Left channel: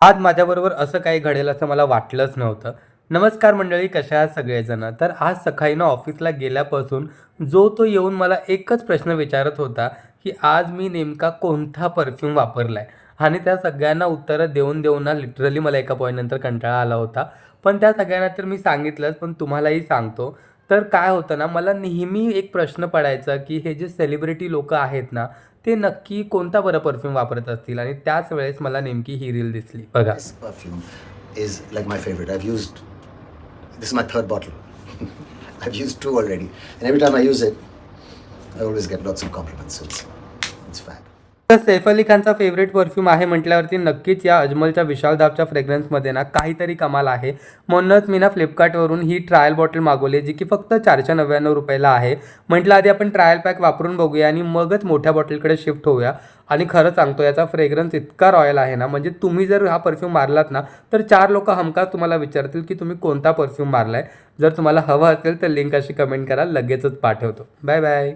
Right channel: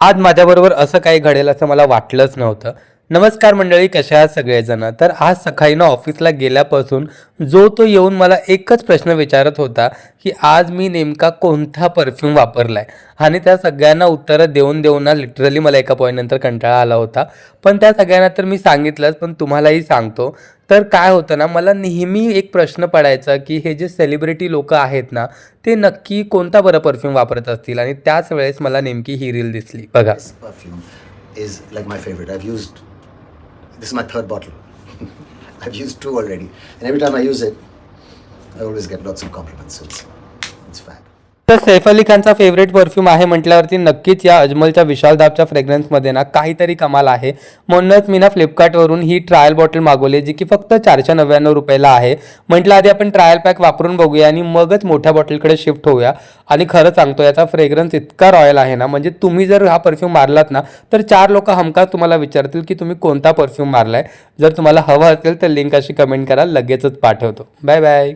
आज माझ्याबरोबर असं काही घडेल असं मला वाटलंच नव्हतं. नमस्कार मंडळी, कशा आहात सगळेजण? तर आज सकाळी ना ऑफिसला गेल्यापासून जो तो येऊन मला एकच प्रश्न विचारत होता, की आज मी नेमका कोणता परफ्यूम वापरलाय? आणि त्या सगळ्यांना उत्तरं देऊन ना लिटरली मला एका पॉइंटनंतर कंटाळा आला होता. पण त्या सगळ्यांना तर मी सांगितलंच, पण तुम्हालाही सांगतो. तर काय होतं ना, मला नेहमी एक प्रश्न पडायचा, की हे जे सेलिब्रिटी लोकं आहेत ना, ते नक्की कोणता बरं परफ्यूम वापरत असतील? आणि त्याच वेळेस मला नेमकी ही रील दिसली. बघा. This perfume is like my favorite. This is my third bottle. I've used two already. And every time I use it, I always get lots of compliments. So it's fab. तर सैफ अली खानचा favourite perfume आहे म्हटल्यावरती नक्कीच या अजमलच्या विशाल दाबच्या फ्रेग्रन्समध्ये ना काहीतरी कमाल आहे. म्हणूनच मी ना फ्लिपकार्टवरून ही ट्रायल बॉटल मागवली, जी की फक्त 499 रुपयाला आहे. म्हटलं आधी आपण ट्रायल पॅक वापरून बघूया आणि मगच मोठ्या बॉटलकडे शिफ्ट होऊया. आणि खरं सांगतो, याचा फ्रेग्रन्स इतका रॉयल आहे ना, म्हणजे तुम्ही जर हा परफ्यूम मारलात ना, तर 4 लोकं हमखास तुम्हाला विचारतील की तुम्ही कोणता परफ्यूम मारलाय. जर तुम्हाला हवा असेल तर लिंक अशी कमेंट करा, लगेचच पाठवतो. Bye bye.